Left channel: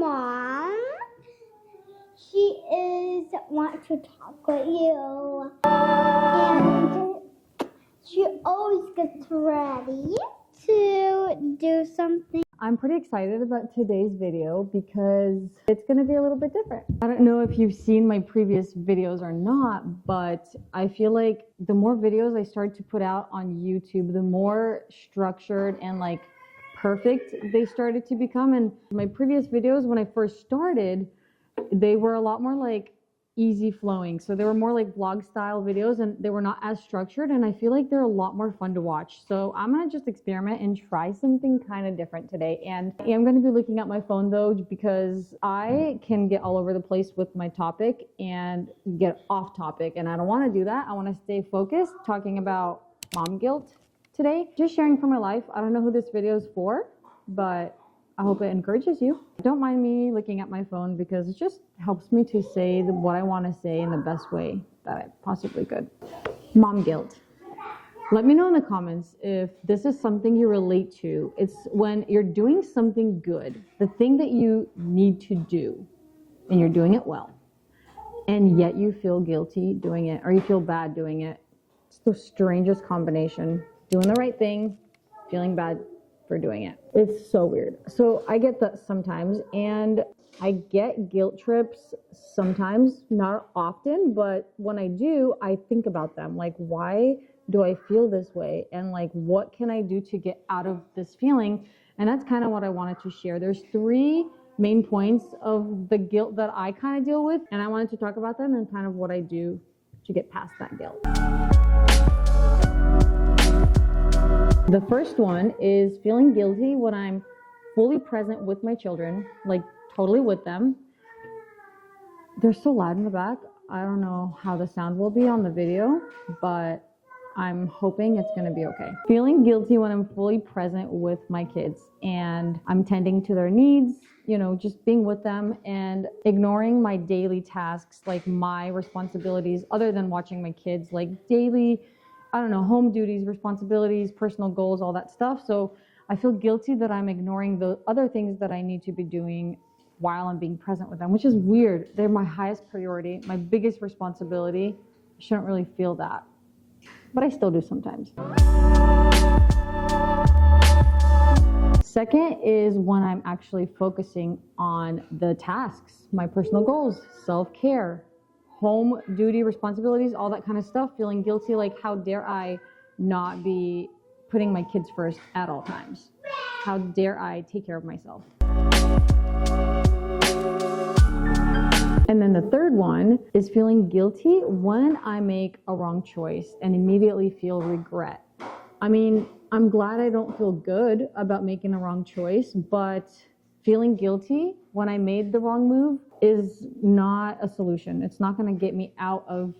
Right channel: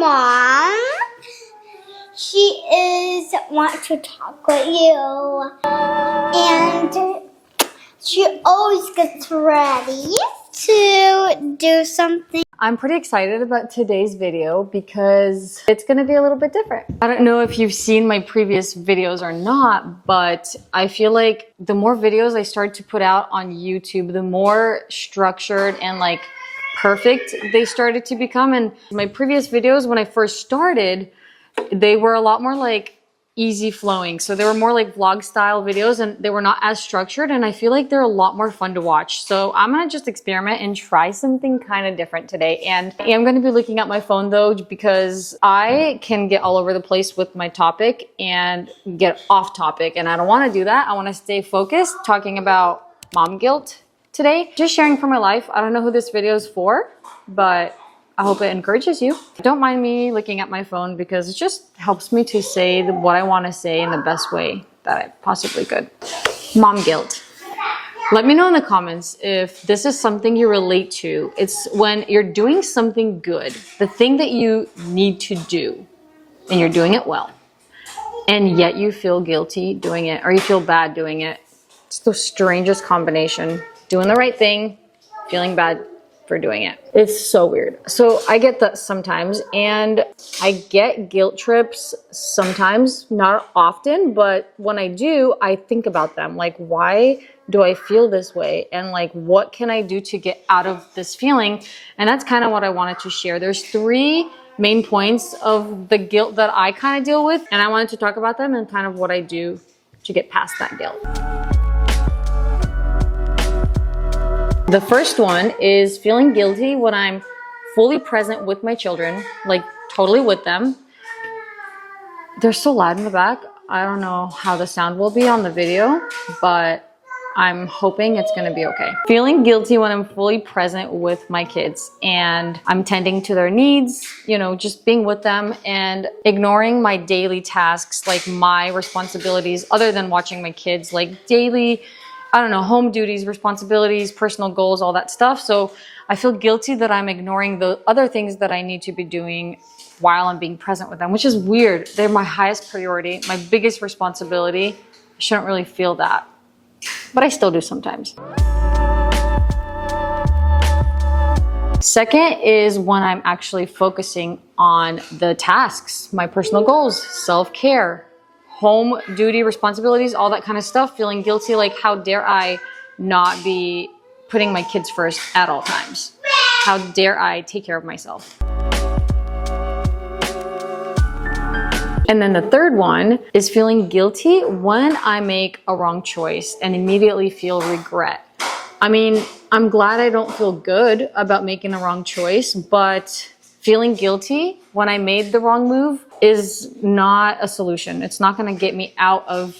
mom. She is want to talk with you, and she always gets ready to do something. I'm pretty excited about today's video because it's going to be a little bit different. I don't know if you've seen my previous videos or not, but I feel like the more videos I start to put out on YouTube, the more structured and like perfect they started to become. And my previous videos, when I first started, they were a lot more like easy flowing. So they were more like vlog style videos and they were not as structured, and I feel like they're a lot more fun to watch. So I'm gonna just experiment and try something kind of different today. And I am gonna be looking at my phone though, because I can get all over the place with my topic and get off topic, and I don't wanna do that. I wanna stay focused talking about mom guilt today. Just sharing from my life. I don't know who this video is for, but I hope it encourages you. Don't mind me looking at my phone because it just helps me to say what I want to say in the best way that I possibly could. Mom guilt. Let me know in the comments if this is something you relate to. It's when you're doing something good, the thing that you need to do, and you're doing it well, and yet you feel guilty doing it, or you feel bad doing it. It's the strangest combination. Doing the right thing, feeling bad for doing it. It's so weird. So I get that sometimes, and I get guilt trips sometimes, not often, but when I do, I think about them. Like, why do I feel this way? And like, what can I do to get out of this feeling? And that's kind of what I wanted to share. There's 3 main points of the guilt that I kind of deal with, and I wanted to talk about them and kind of what I do to get past that guilt. The first one is feeling guilty when I'm fully present with my children, like totally with them. They're so loud in the back. I don't know how the sound will be on the video, but I'm hoping it's gonna be okay. Feeling guilty when I'm fully present with my kids and I'm tending to their needs, you know, just being with them and ignoring my daily tasks, like my responsibilities, other than watching my kids, like daily, I don't know, home duties, responsibilities, personal goals, all that stuff. So I feel guilty that I'm ignoring the other things that I need to be doing while I'm being present with them, which is weird. They're my highest priority, my biggest responsibility. I shouldn't really feel that, but I still do sometimes. Second is when I'm actually focusing on the tasks, my personal goals, self-care, home duty responsibilities, all that kind of stuff, feeling guilty, like how dare I not be putting my kids first at all times? How dare I take care of myself? And then the third one is feeling guilty when I make a wrong choice and immediately feel regret. I mean, I'm glad I don't feel good about making the wrong choice, but feeling guilty when I made the wrong move is not a solution. It's not gonna get me out of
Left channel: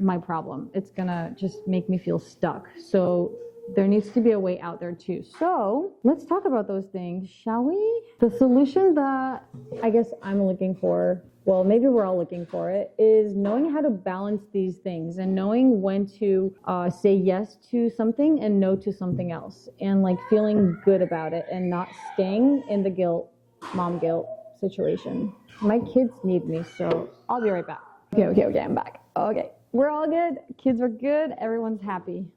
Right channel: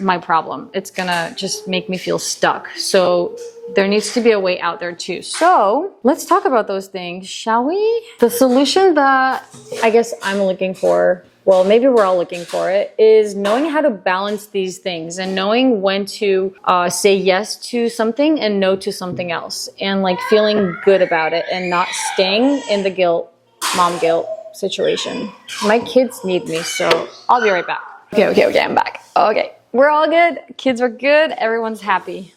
my problem. It's gonna just make me feel stuck. So there needs to be a way out there too. So let's talk about those things, shall we? The solution that I guess I'm looking for, well, maybe we're all looking for it, is knowing how to balance these things and knowing when to say yes to something and no to something else, and like feeling good about it and not staying in the guilt, mom guilt situation. My kids need me, so I'll be right back. Okay, I'm back. Okay, we're all good. Kids are good. Everyone's happy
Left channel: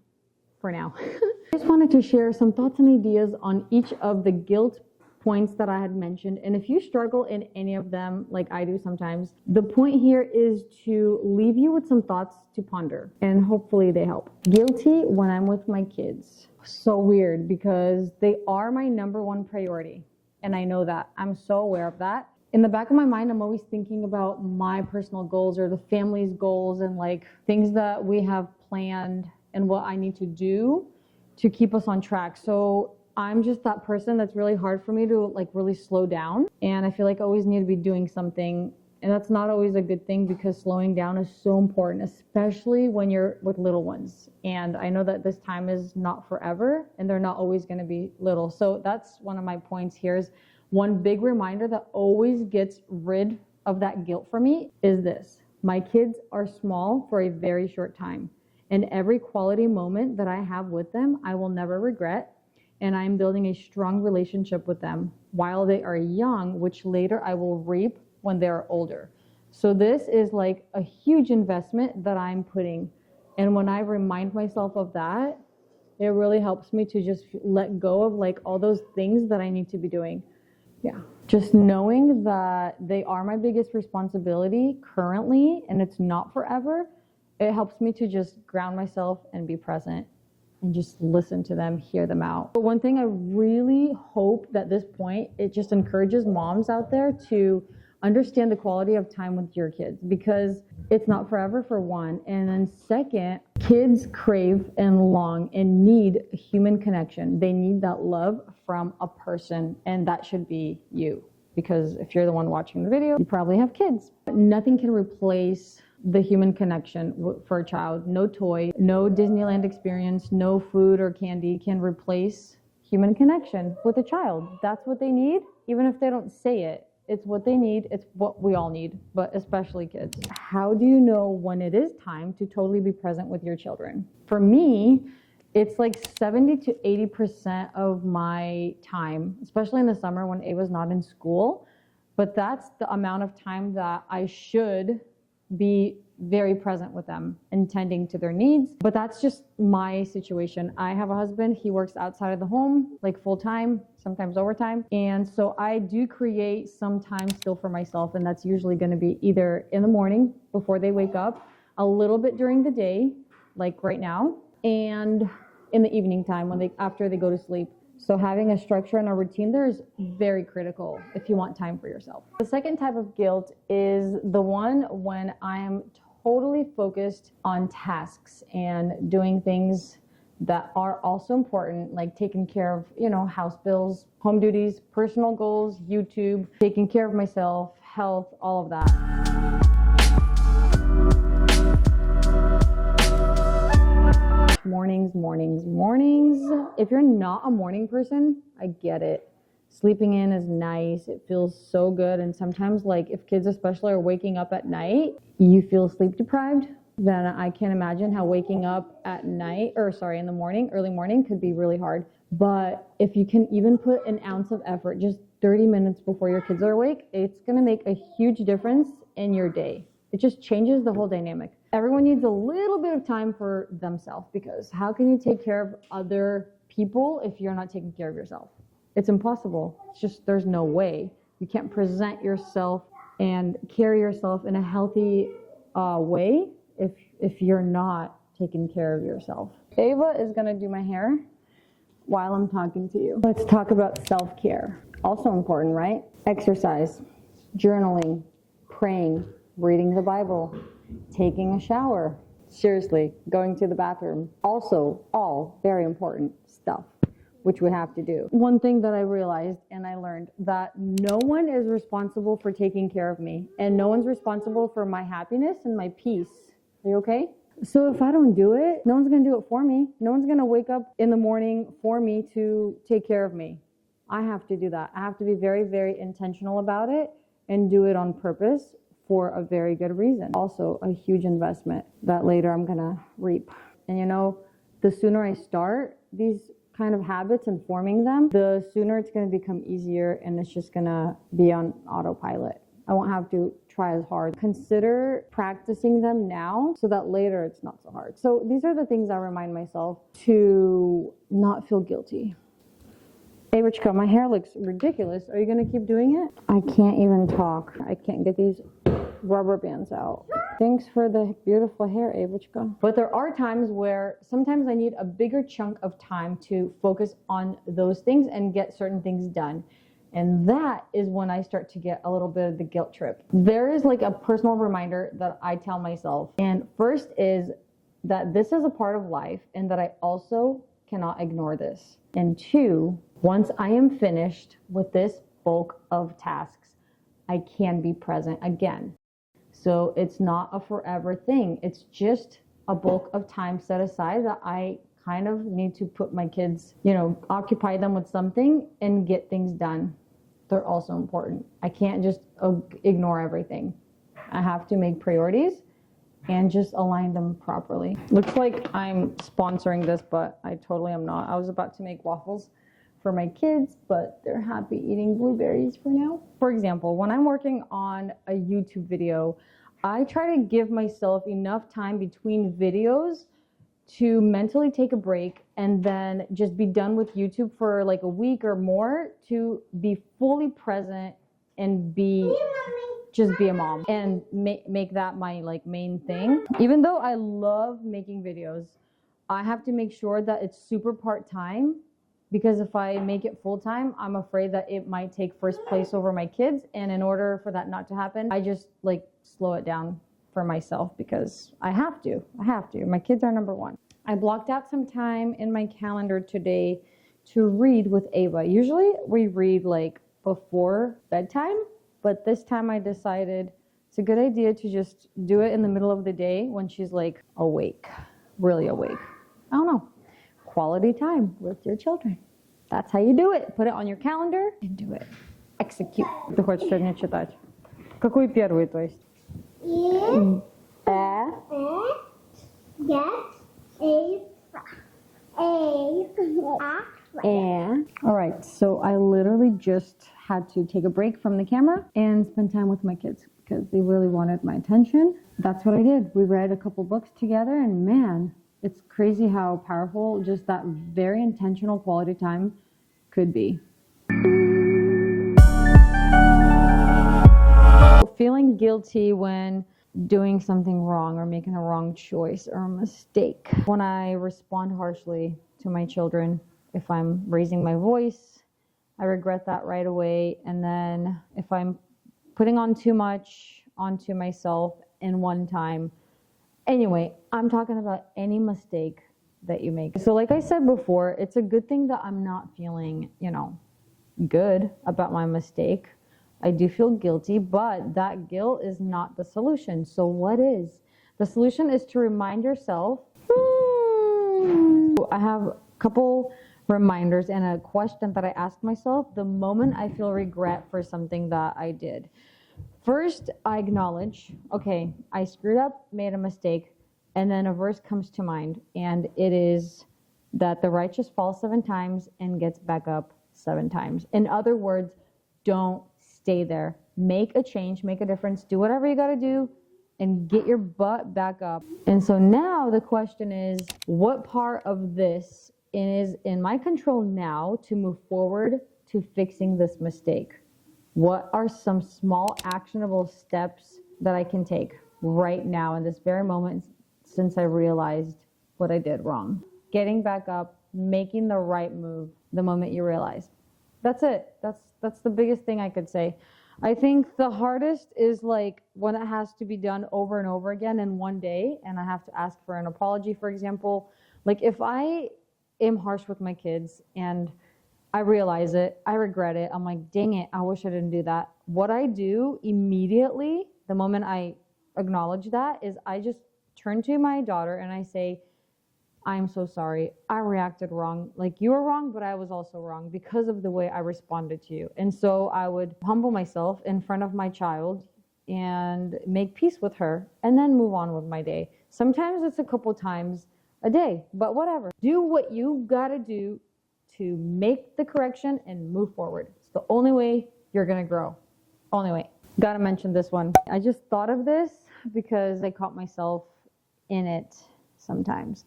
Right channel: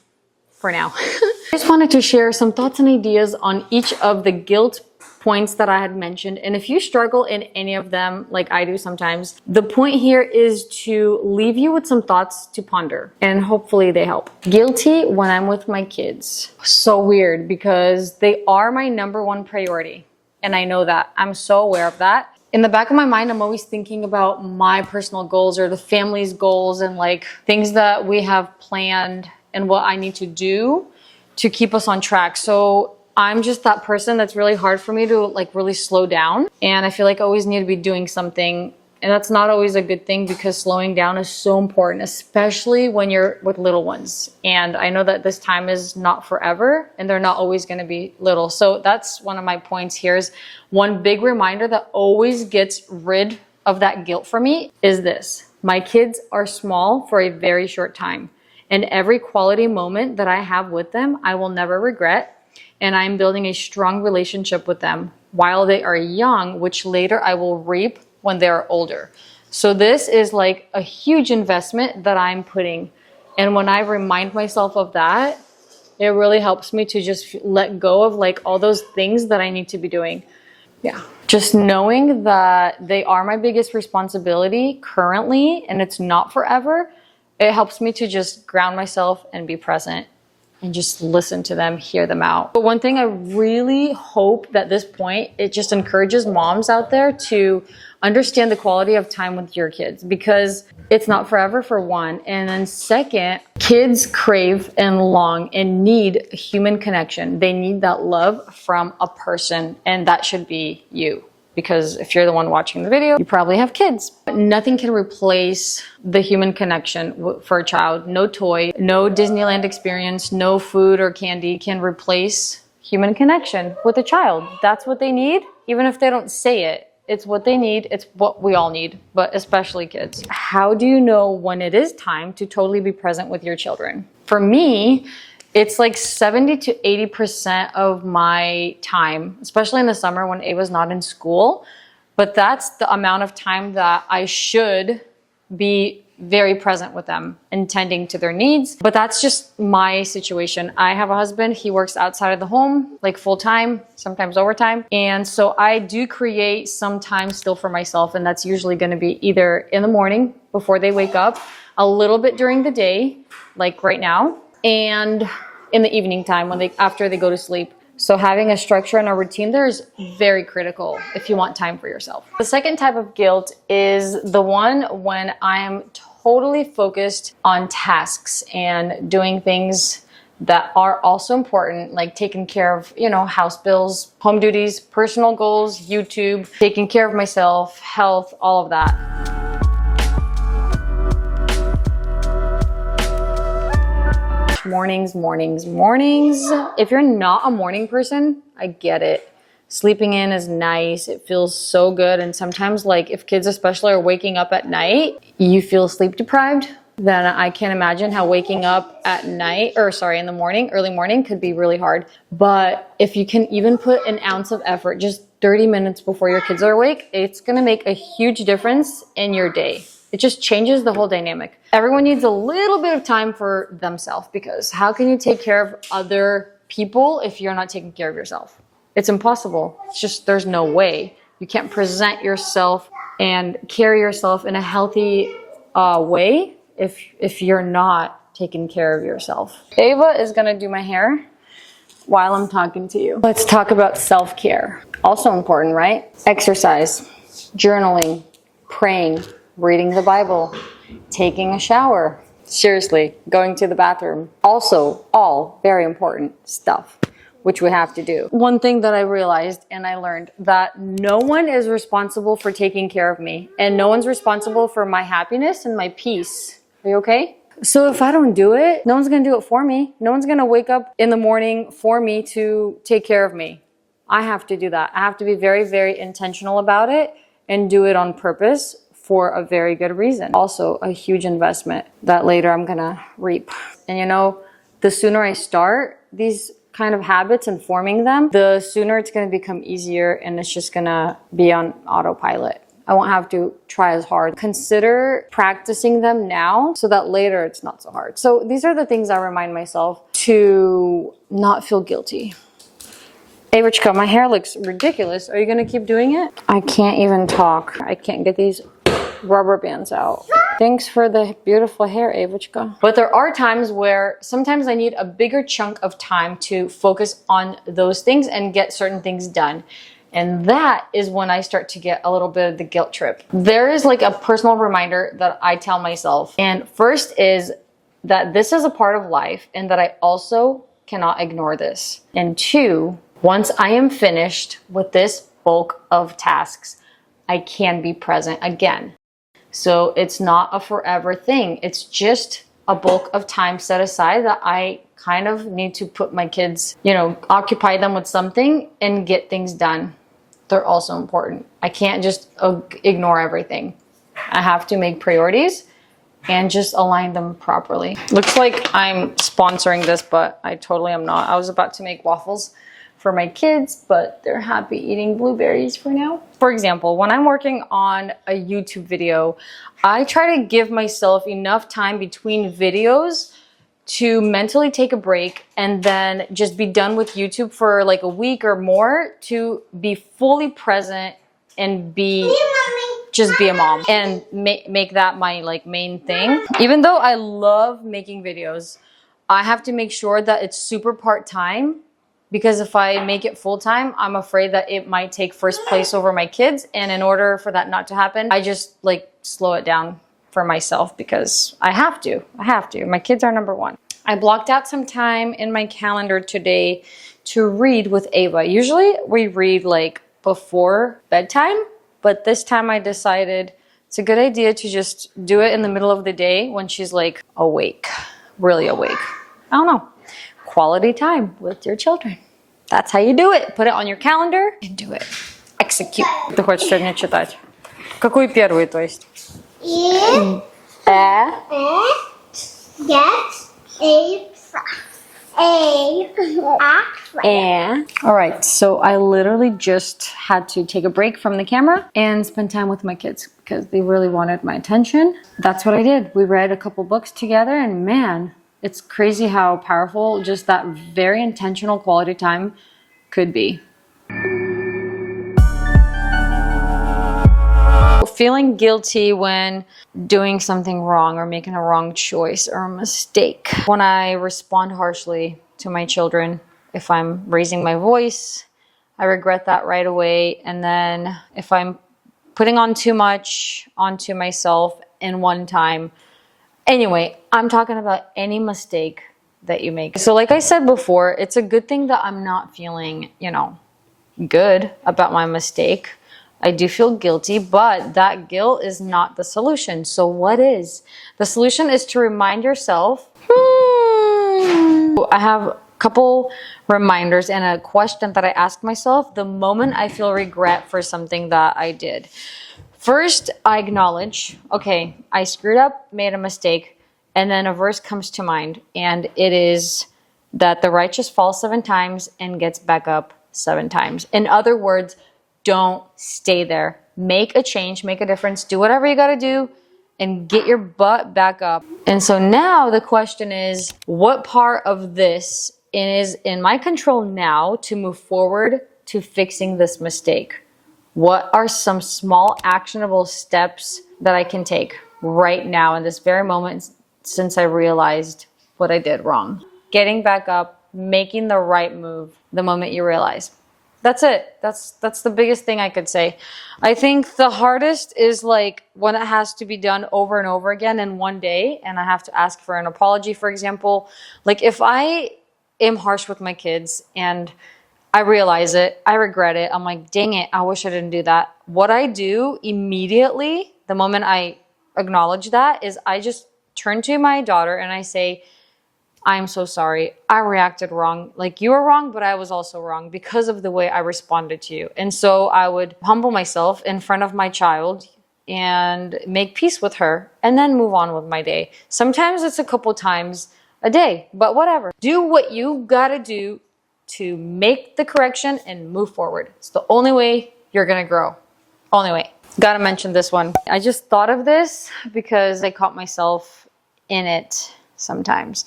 for now. I just wanted to share some thoughts and ideas on each of the guilt points that I had mentioned. And if you struggle in any of them, like I do sometimes, the point here is to leave you with some thoughts to ponder, and hopefully they help. Guilty when I'm with my kids. So weird because they are my #1 priority. And I know that. I'm so aware of that. In the back of my mind, I'm always thinking about my personal goals or the family's goals and like things that we have planned and what I need to do to keep us on track. So I'm just that person that's really hard for me to like really slow down. And I feel like I always need to be doing something. And that's not always a good thing because slowing down is so important, especially when you're with little ones. And I know that this time is not forever and they're not always going to be little. So that's one of my points here is one big reminder that always gets rid of that guilt for me is this. My kids are small for a very short time. And every quality moment that I have with them, I will never regret. And I'm building a strong relationship with them while they are young, which later I will reap when they're older. So this is like a huge investment that I'm putting. And when I remind myself of that, it really helps me to just let go of like all those things that I need to be doing. Yeah. Just knowing that they are my biggest responsibility currently, and it's not forever, it helps me to just ground myself and be present and just listen to them, hear them out. But one thing I really hope that this point, it just encourages moms out there to understand the quality of time with your kids, because it's not forever, for one. And then second, kids crave and long and need human connection. They need that love from a person, and that should be you. Because if you're the one watching the video, you probably have kids. But nothing can replace the human connection for a child. No toy, no Disneyland experience, no food or candy can replace human connection with a child. That's what they need, even if they don't say it. It's what they need. It's what we all need, but especially kids. How do you know when it is time to totally be present with your children? For me, it's like 70 to 80% of my time, especially in the summer when Ava's not in school. But that's the amount of time that I should be very present with them and tending to their needs. But that's just my situation. I have a husband. He works outside of the home, like full time, sometimes overtime. And so I do create some time still for myself. And that's usually going to be either in the morning before they wake up, a little bit during the day, like right now, and in the evening time after they go to sleep. So having a structure and a routine there is very critical if you want time for yourself. The second type of guilt is the one when I'm totally focused on tasks and doing things that are also important, like taking care of, house bills, home duties, personal goals, YouTube, taking care of myself, health, all of that. Mornings. If you're not a morning person, I get it. Sleeping in is nice. It feels so good. And sometimes, like, if kids especially are waking up at night, you feel sleep deprived. Then I can't imagine how waking up at night, in the morning, early morning, could be really hard. But if you can even put an ounce of effort, just 30 minutes before your kids are awake, it's gonna make a huge difference in your day. It just changes the whole dynamic. Everyone needs a little bit of time for themselves, because how can you take care of other people if you're not taking care of yourself? It's impossible. It's just, there's no way. You can't present yourself and carry yourself in a healthy way if you're not taking care of yourself. Ava is gonna do my hair while I'm talking to you. Let's talk about self-care. Also important, right? Exercise, journaling, praying, reading the Bible, taking a shower, seriously, going to the bathroom. Also, all very important stuff, which we have to do. One thing that I realized and I learned, that no one is responsible for taking care of me, and no one's responsible for my happiness and my peace. Are you okay? So if I don't do it, no one's gonna do it for me. No one's gonna wake up in the morning for me to take care of me. I have to do that. I have to be very, very intentional about it and do it on purpose, for a very good reason. Also a huge investment that later I'm gonna reap. And the sooner I start these kind of habits and forming them, the sooner it's gonna become easier, and it's just gonna be on autopilot. I won't have to try as hard. Consider practicing them now so that later it's not so hard. So these are the things I remind myself to not feel guilty. Hey, Richka, my hair looks ridiculous. Are you gonna keep doing it? I can't even talk. I can't get these rubber bands out. Thanks for the beautiful hair, Avachka. But there are times where sometimes I need a bigger chunk of time to focus on those things and get certain things done. And that is when I start to get a little bit of the guilt trip. There is like a personal reminder that I tell myself. And first is that this is a part of life and that I also cannot ignore this. And two, once I am finished with this bulk of tasks, I can be present again. So it's not a forever thing. It's just a bulk of time set aside that I kind of need to put my kids, occupy them with something and get things done. They're also important. I can't just ignore everything. I have to make priorities and just align them properly. Looks like I'm sponsoring this, but I totally am not. I was about to make waffles for my kids, but they're happy eating blueberries for now. For example, when I'm working on a YouTube video, I try to give myself enough time between videos to mentally take a break and then just be done with YouTube for like a week or more to be fully present and just be a mom and make that my like main thing. Even though I love making videos, I have to make sure that it's super part-time, because if I make it full-time, I'm afraid that it might take first place over my kids. And in order for that not to happen, I just like slow it down for myself because I have to. My kids are number one. I blocked out some time in my calendar today to read with Ava. Usually we read like before bedtime, but this time I decided it's a good idea to just do it in the middle of the day when she's like awake, really awake. I don't know. Quality time with your children. That's how you do it. Put it on your calendar and do it. Execute. Ты хочешь сегодня читать? Какую первую, то есть? All right, so I literally just had to take a break from the camera and spend time with my kids because they really wanted my attention. That's what I did. We read a couple books together, and man, it's crazy how powerful just that very intentional quality time could be. Feeling guilty when doing something wrong or making a wrong choice or a mistake. When I respond harshly to my children, if I'm raising my voice, I regret that right away. And then if I'm putting on too much onto myself in one time. Anyway, I'm talking about any mistake that you make. So like I said before, it's a good thing that I'm not feeling, good about my mistake. I do feel guilty, but that guilt is not the solution. So what is? The solution is to remind yourself. I have a couple reminders and a question that I ask myself the moment I feel regret for something that I did. First, I acknowledge, okay, I screwed up, made a mistake, and then a verse comes to mind, and it is that the righteous falls 7 times and gets back up 7 times. In other words, don't stay there. Make a change, make a difference, do whatever you got to do and get your butt back up. And so now the question is, what part of this is in my control now to move forward to fixing this mistake? What are some small actionable steps that I can take right now in this very moment since I realized what I did wrong? Getting back up, making the right move the moment you realize. That's it. That's the biggest thing I could say. I think the hardest is like when it has to be done over and over again in one day and I have to ask for an apology, for example. Like if I am harsh with my kids and I realize it, I regret it, I'm like, dang it, I wish I didn't do that. What I do immediately, the moment I acknowledge that, is I just turn to my daughter and I say, I'm so sorry. I reacted wrong. Like you were wrong, but I was also wrong because of the way I responded to you. And so I would humble myself in front of my child and make peace with her and then move on with my day. Sometimes it's a couple times a day, but whatever. Do what you gotta do to make the correction and move forward. It's the only way you're gonna grow. Only way. Gotta mention this one. I just thought of this because I caught myself in it sometimes.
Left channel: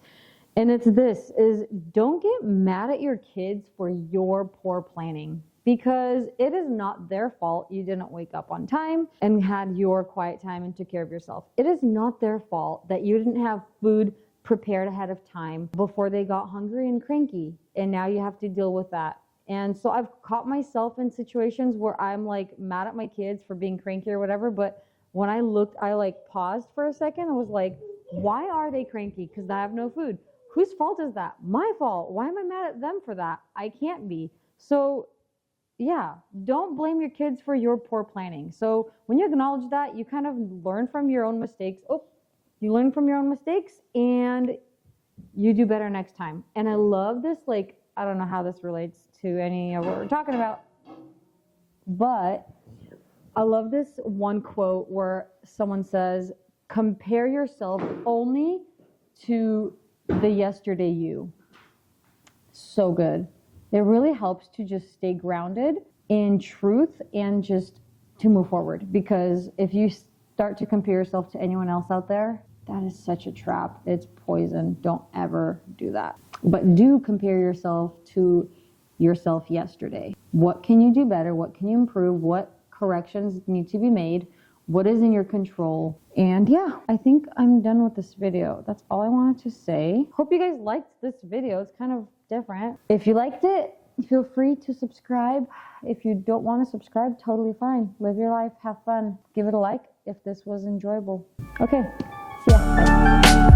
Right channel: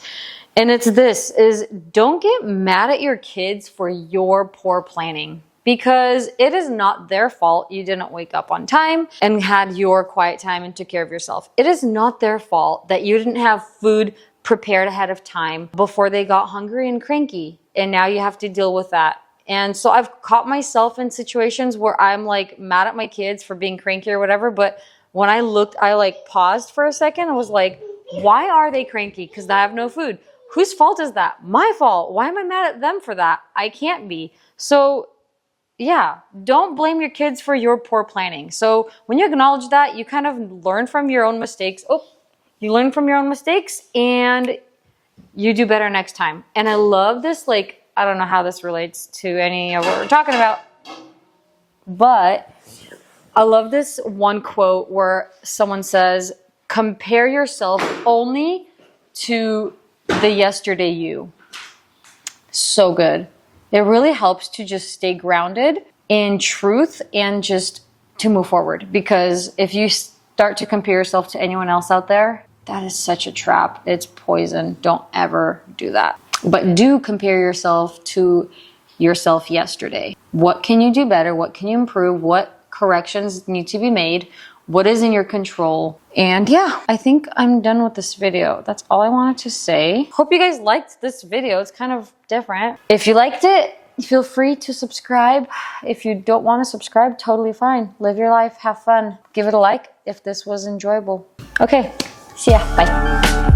And it's this, is don't get mad at your kids for your poor planning because it is not their fault you didn't wake up on time and had your quiet time and took care of yourself. It is not their fault that you didn't have food prepared ahead of time before they got hungry and cranky. And now you have to deal with that. And so I've caught myself in situations where I'm like mad at my kids for being cranky or whatever. But when I looked, I like paused for a second and was like, why are they cranky? Because I have no food. Whose fault is that? My fault. Why am I mad at them for that? I can't be. So yeah, don't blame your kids for your poor planning. So when you acknowledge that, you kind of learn from your own mistakes. You learn from your own mistakes and you do better next time. And I love this, like, I don't know how this relates to any of what we're talking about, but I love this one quote where someone says, compare yourself only to the yesterday you. So good. It really helps to just stay grounded in truth and just to move forward. Because if you start to compare yourself to anyone else out there, that is such a trap. It's poison. Don't ever do that. But do compare yourself to yourself yesterday. What can you do better? What can you improve? What corrections need to be made? What is in your control? And yeah, I think I'm done with this video. That's all I wanted to say. Hope you guys liked this video. It's kind of different. If you liked it, feel free to subscribe. If you don't want to subscribe, totally fine. Live your life, have fun. Give it a like if this was enjoyable. Okay, see ya, bye.